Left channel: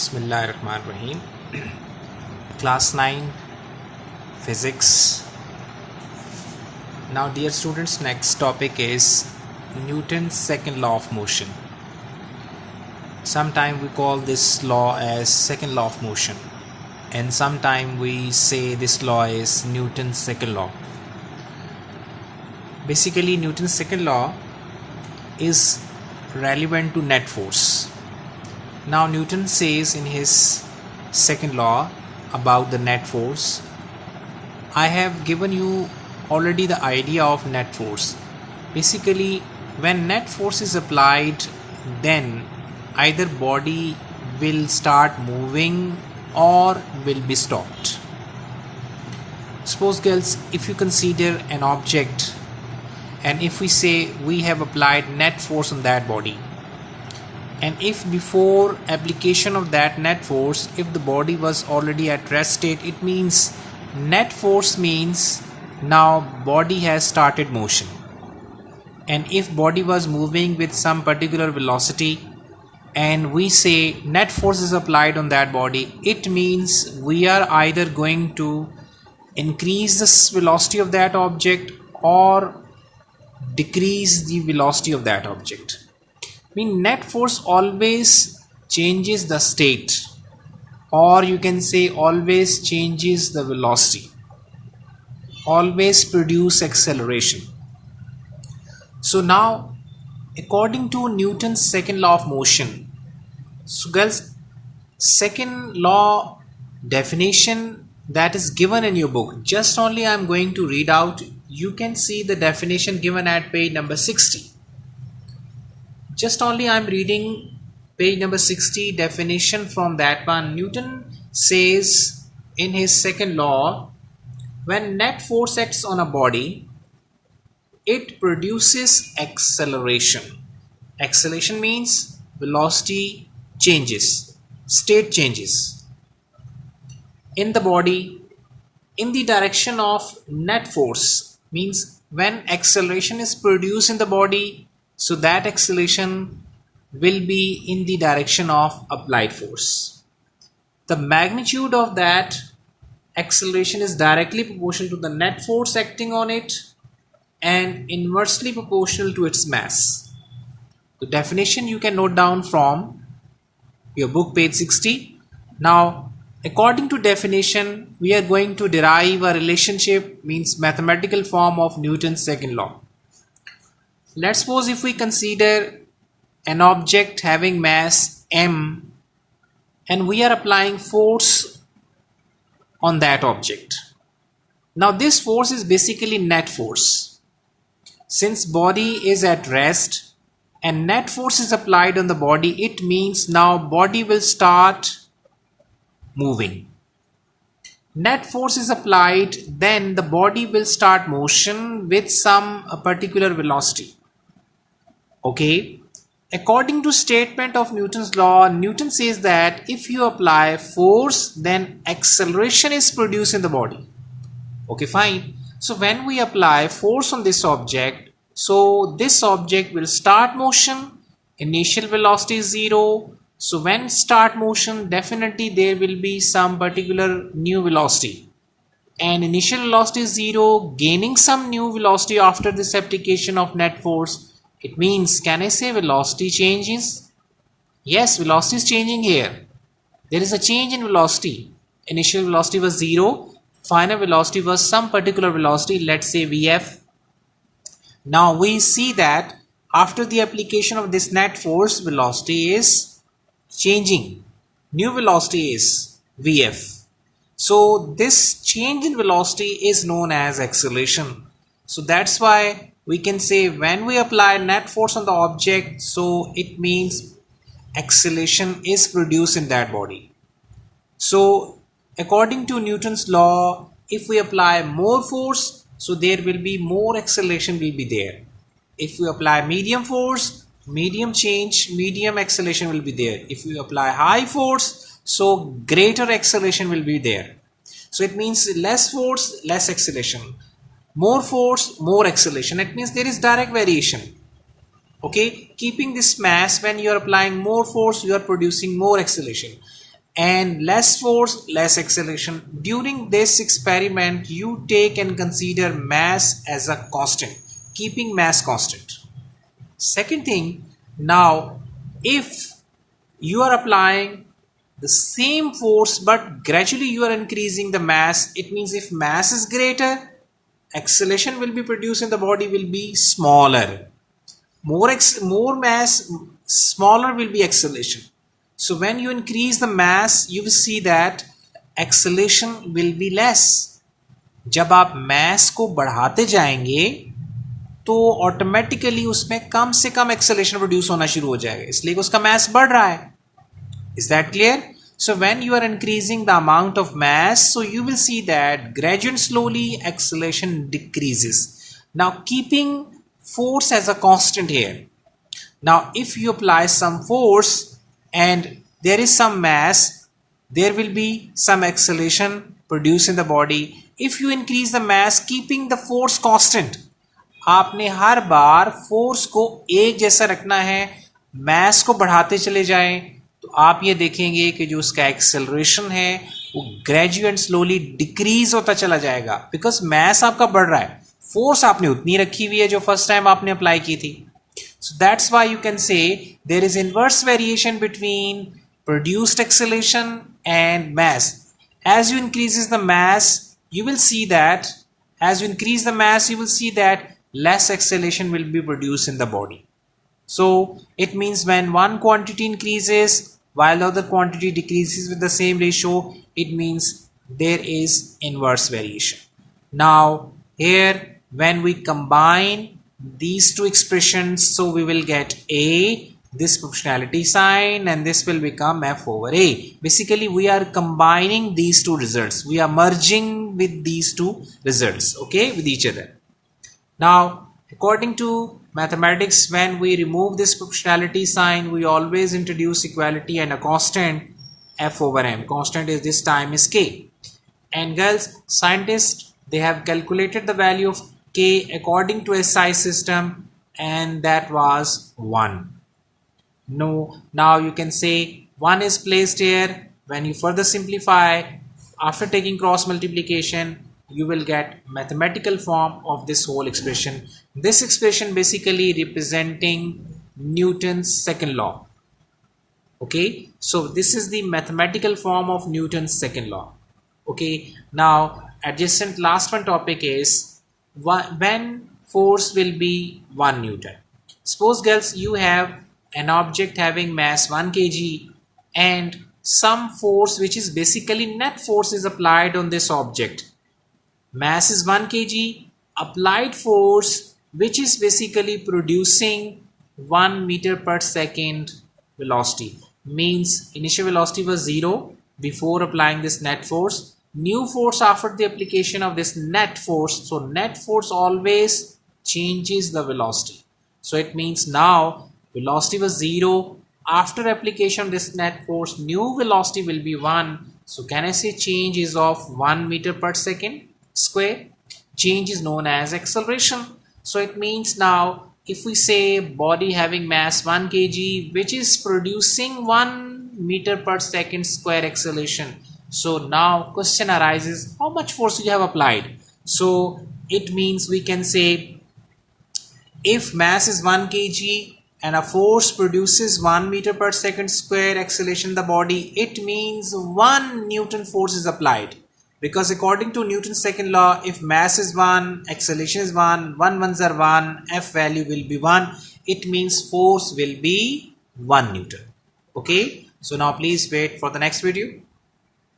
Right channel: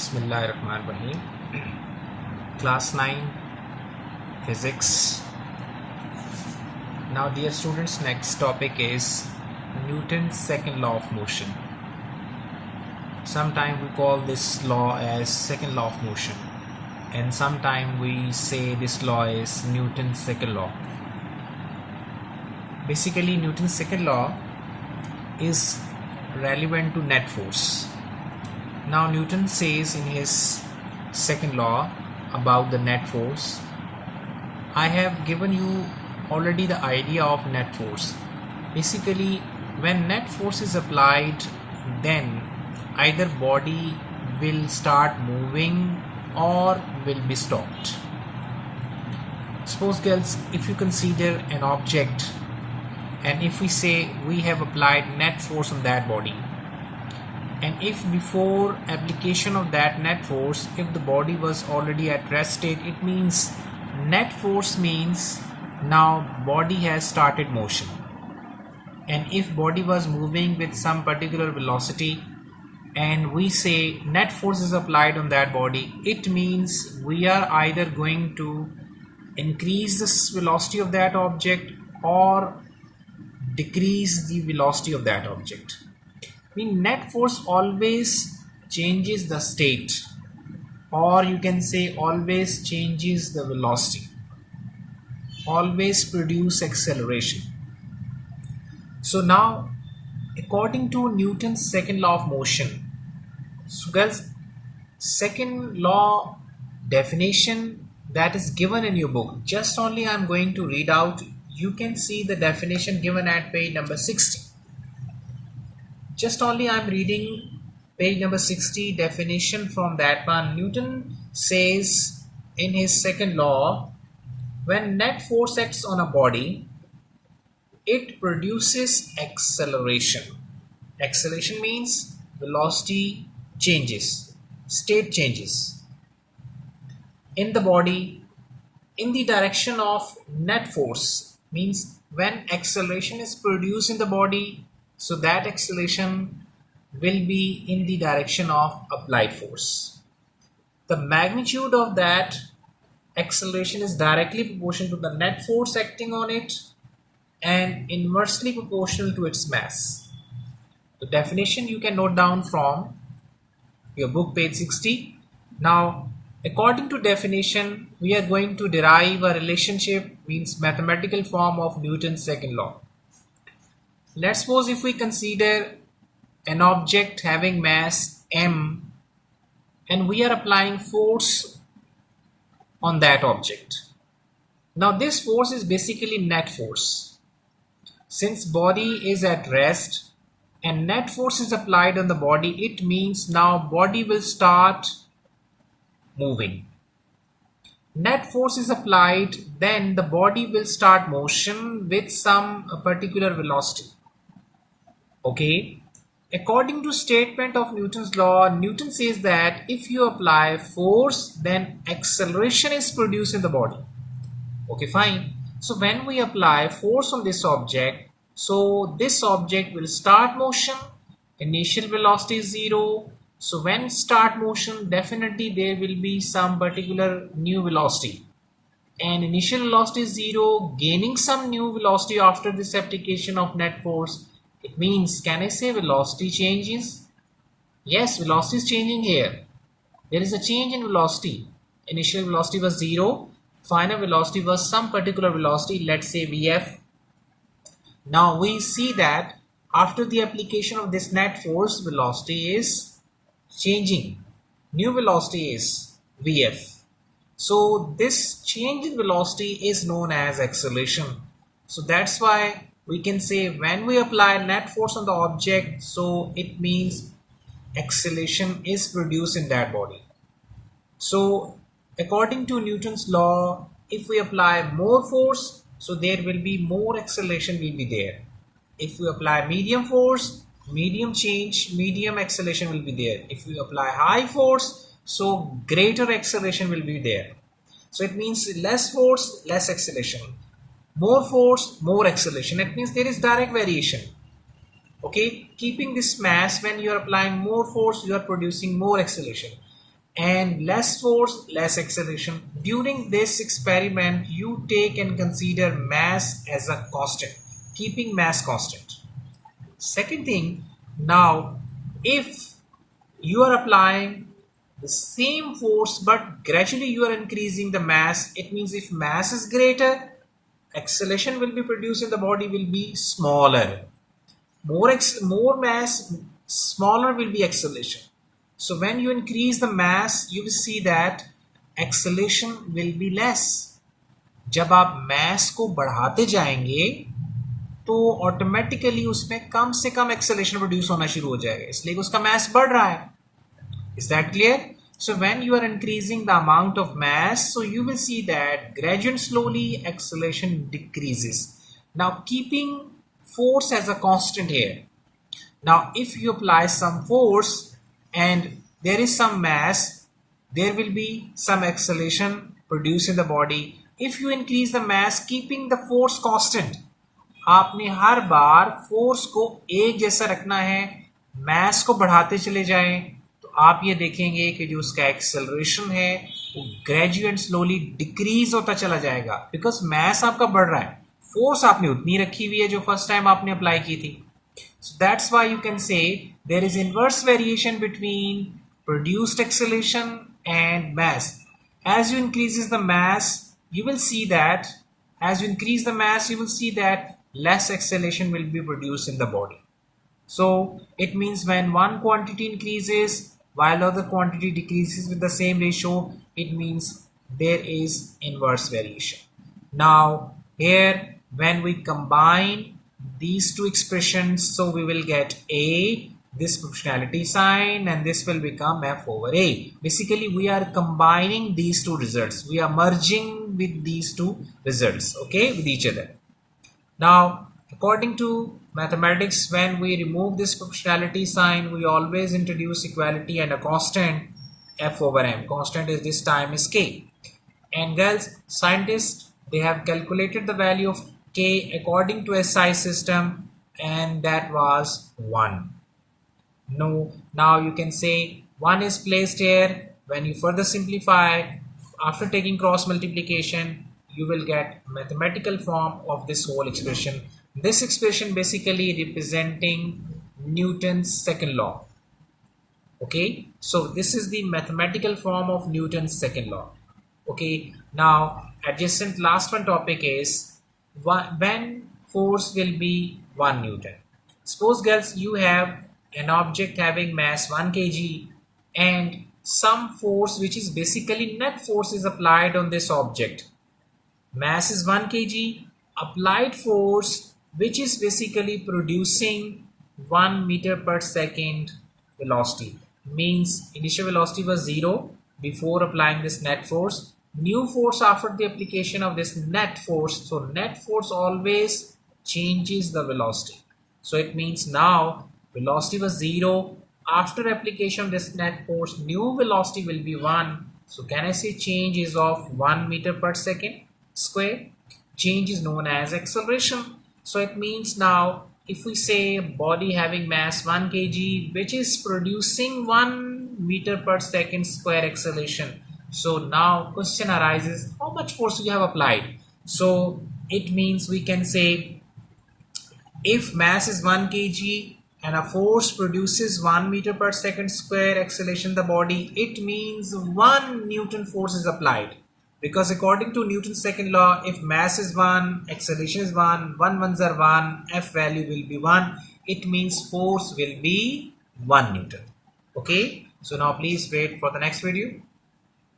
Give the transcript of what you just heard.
Bismillahirrahmanirrahim. Class 9 Physics. Now dear students, next topic is Newton's second law of motion. Sometimes we call this law as second law of motion, and sometimes we say this law is Newton's second law. Basically, Newton's second law is relevant to net force. Now Newton says in his second law about the net force. I have given you already the idea of net force. Basically, when net force is applied, then either body will start moving or will be stopped. Suppose girls, if you consider an object and if we say we have applied net force on that body, and if before application of that net force, if the body was already at rest state, it means net force means now body has started motion. And if body was moving with some particular velocity and we say net force is applied on that body, it means we are either going to increase the velocity of that object or decrease the velocity of that object. Net force always changes the state, or you can say always changes the velocity, always produce acceleration. So now according to Newton's second law of motion, so girls, second law definition that is given in your book, just only I'm going to read out. You can see the definition given at page number 60. Just only I'm reading page number 60 definition from that one. Newton says in his second law, when net force acts on a body, it produces acceleration. Acceleration means velocity changes, state changes in the body in the direction of net force. Means when acceleration is produced in the body, so that acceleration will be in the direction of applied force. The magnitude of that acceleration is directly proportional to the net force acting on it and inversely proportional to its mass. The definition you can note down from your book, page 60. Now, according to definition, we are going to derive a relationship, means mathematical form of Newton's second law. Let's suppose if we consider an object having mass m and we are applying force on that object. Now this force is basically net force. Since body is at rest and net force is applied on the body, it means now body will start moving. Net force is applied, then the body will start motion with some particular velocity. Okay, according to statement of Newton's law, Newton says that if you apply force, then acceleration is produced in the body. Okay, fine. So when we apply force on this object, so this object will start motion. Initial velocity is 0. So when start motion, definitely there will be some particular new velocity. And initial velocity is 0, gaining some new velocity after this application of net force. It means, can I say velocity changes? Yes, velocity is changing here. There is a change in velocity. Initial velocity was 0. Final velocity was some particular velocity, let's say Vf. Now we see that after the application of this net force, velocity is changing. New velocity is Vf. So this change in velocity is known as acceleration. So that's why we can say when we apply net force on the object, so it means acceleration is produced in that body. So according to Newton's law, if we apply more force, so there will be more acceleration will be there. If we apply medium force, medium change, medium acceleration will be there. If we apply high force, so greater acceleration will be there. So it means less force, less acceleration. More force, more acceleration. It means there is direct variation. Okay, keeping this mass, when you are applying more force, you are producing more acceleration. and less force, less acceleration. During this experiment, you take and consider mass as a constant, keeping mass constant. Second thing, now if you are applying the same force but gradually you are increasing the mass, it means if mass is greater, acceleration will be produced in the body will be smaller. More mass, smaller will be acceleration. So when you increase the mass, you will see that acceleration will be less. जब आप mass को बढ़ाते जाएंगे तो automatically उसमें कम से कम acceleration produce होना शुरू हो जाएगा, इसलिए उसका mass बढ़ रहा है. Is that clear? So when you are increasing the amount of mass, so you will see that gradually slowly acceleration decreases. Now keeping force as a constant here. Now if you apply some force and there is some mass, there will be some acceleration produced in the body. If you increase the mass keeping the force constant, आपने हर बार force को एक जैसा रखना है, mass को बढ़ाते चले जाएं, तो आप ये देखेंगे कि जो उसका एक्सेलरेशन है वो ग्रेजुअली एंड स्लोली डिक्रीज होता चला जाएगा, बिकॉज मैस आपका बढ़ रहा है, फोर्स आपने उतनी रखी हुई है जो फर्स्ट टाइम आपने अप्लाई की थी. So that's why you can say there is inverse variation between produced acceleration and mass. As you increases the mass, you will see that as you increase the mass, you will see that less acceleration will be produced in the body. So it means when one quantity increases while the other quantity decreases with the same ratio, it means there is inverse variation. Now here when we combine these two expressions, so we will get A, this proportionality sign, and this will become F over A. Basically we are combining these two results, we are merging with these two results, okay, with each other. Now according to mathematics, when we remove this proportionality sign, we always introduce equality and a constant F over M. Constant is this time is K. And girls, scientists, they have calculated the value of K according to SI system, and that was 1. No, now you can say 1 is placed here. When you further simplify, after taking cross multiplication, you will get mathematical form of this whole expression. This expression basically representing Newton's second law. Okay, so this is the mathematical form of Newton's second law. Okay, now adjacent last one topic is when force will be 1 Newton. Suppose girls, you have an object having mass 1 kg and some force which is basically net force is applied on this object. Mass is 1 kg, applied force which is basically producing 1 meter per second velocity. Means initial velocity was 0 before applying this net force. New force after the application of this net force. So net force always changes the velocity. So it means now velocity was 0. After application of this net force, new velocity will be 1. So can I say change is of 1 meter per second square? Change is known as acceleration. So it means now if we say body having mass 1 kg which is producing 1 meter per second square acceleration, so now question arises, how much force you have applied? So it means we can say if mass is 1 kg and a force produces 1 meter per second square acceleration in the body, it means 1 Newton force is applied. Because according to Newton's second law, if mass is 1, acceleration is 1, 1 ones are 1, F value will be 1, it means force will be 1 Newton. Okay, so now please wait for the next video.